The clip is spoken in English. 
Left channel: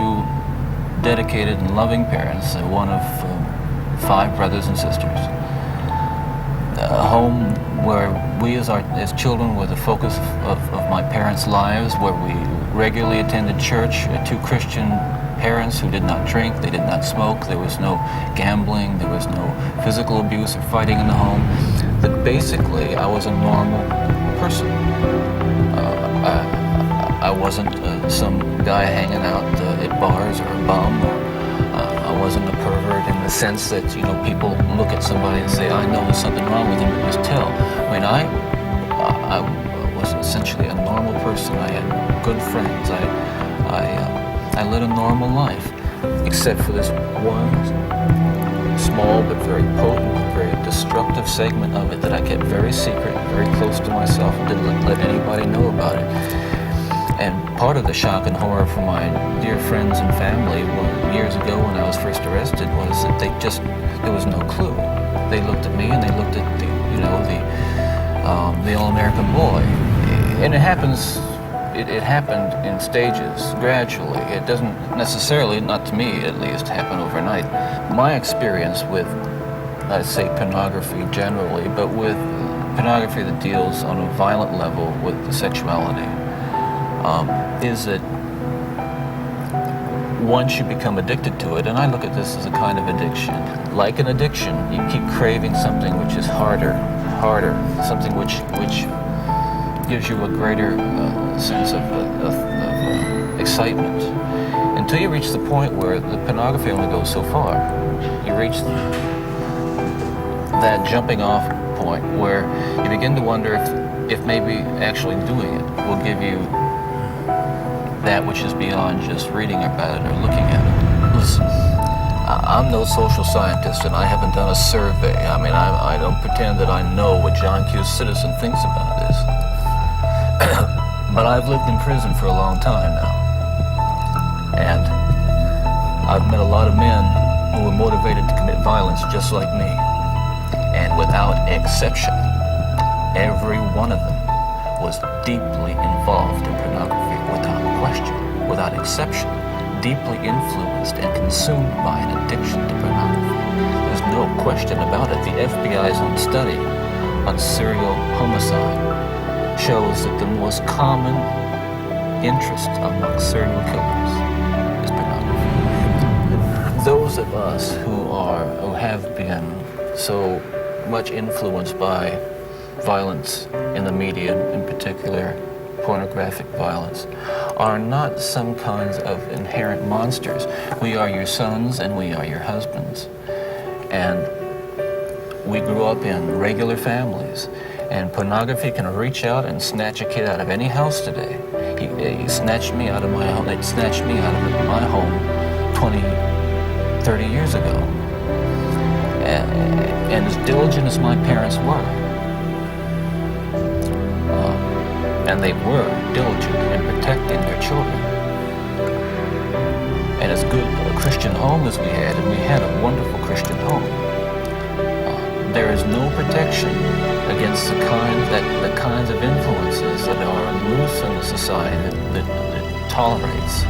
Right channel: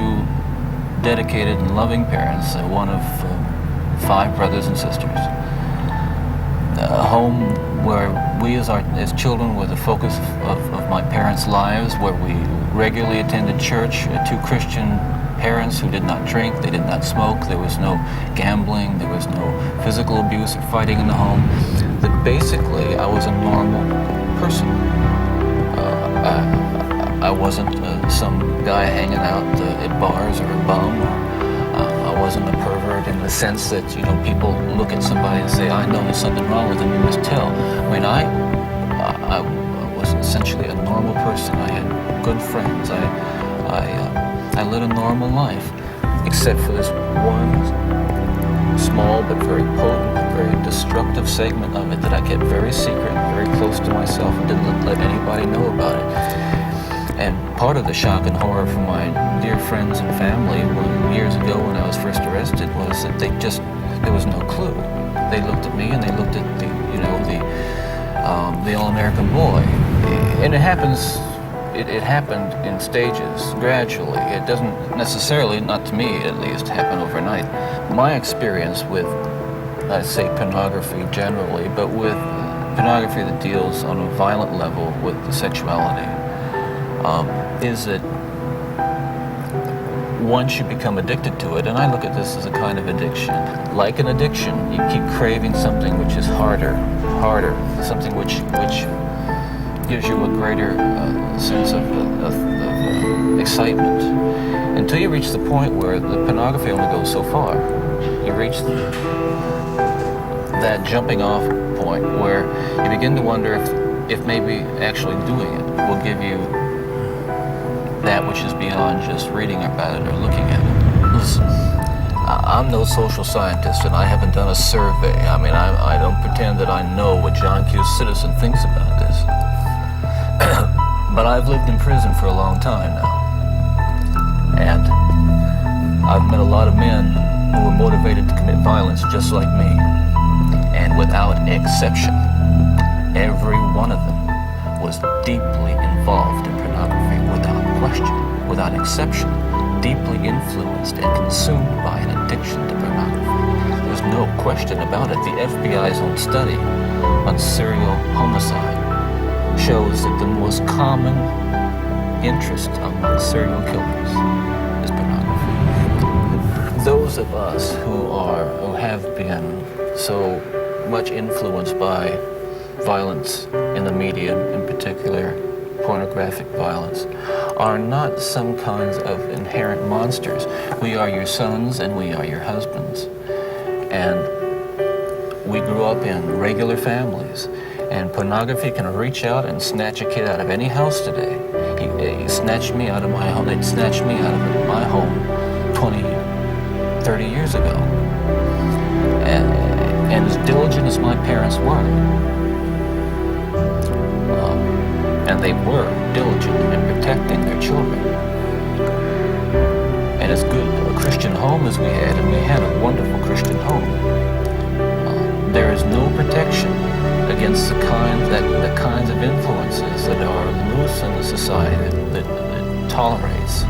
two dedicated and loving parents, one of 5 brothers and sisters. A home where we as children were the focus of my parents' lives, where we regularly attended church, 2 Christian parents who did not drink, they did not smoke, there was no gambling, there was no physical abuse or fighting in the home. That basically I was a normal person. I wasn't some guy hanging out at bars or a bum, or I wasn't a pervert in the sense that, people look at somebody and say, I know there's something wrong with them, you must tell. I mean, I was essentially a normal person. I had good friends. I led a normal life, except for this one small but very potent, very destructive segment of it that I kept very secret, very close to myself, and didn't let anybody know about it. And part of the shock and horror for my dear friends and family years ago when I was first arrested was that there was no clue. They looked at me and they looked at the all-American boy. And it happened in stages, gradually. It doesn't necessarily, not to me at least, happen overnight. My experience with, I'd say, pornography generally, but with pornography that deals on a violent level with the sexuality, is that once you become addicted to it, and I look at this as a kind of addiction. Like an addiction, you keep craving something which is harder, something which gives you a greater sense of excitement, until you reach the point where the pornography only goes so far. You reach that jumping off point where you begin to wonder if maybe actually doing it will give you that which is beyond just reading about it or looking at it. Listen, I'm no social scientist, and I haven't done a survey. I mean, I don't pretend that I know what John Q. Citizen thinks about this. But I've lived in prison for a long time now. And I've met a lot of men who were motivated to commit violence just like me. And without exception, every one of them was deeply involved in pornography, without question, without exception, deeply influenced and consumed by an addiction to pornography. There's no question about it. The FBI's own study on serial homicide shows that the most common interest among serial killers is pornography. Those of us who have been so much influenced by violence in the media, in particular pornographic violence, are not some kinds of inherent monsters. We are your sons and we are your husbands. And we grew up in regular families. And pornography can reach out and snatch a kid out of any house today. He snatched me out of my home. It snatched me out of my home 20, 30 years ago. And as diligent as my parents were, and they were diligent in protecting their children, and as good a Christian home as we had, and we had a wonderful Christian home, there is no protection against the kinds of influences that are loose in the society that tolerates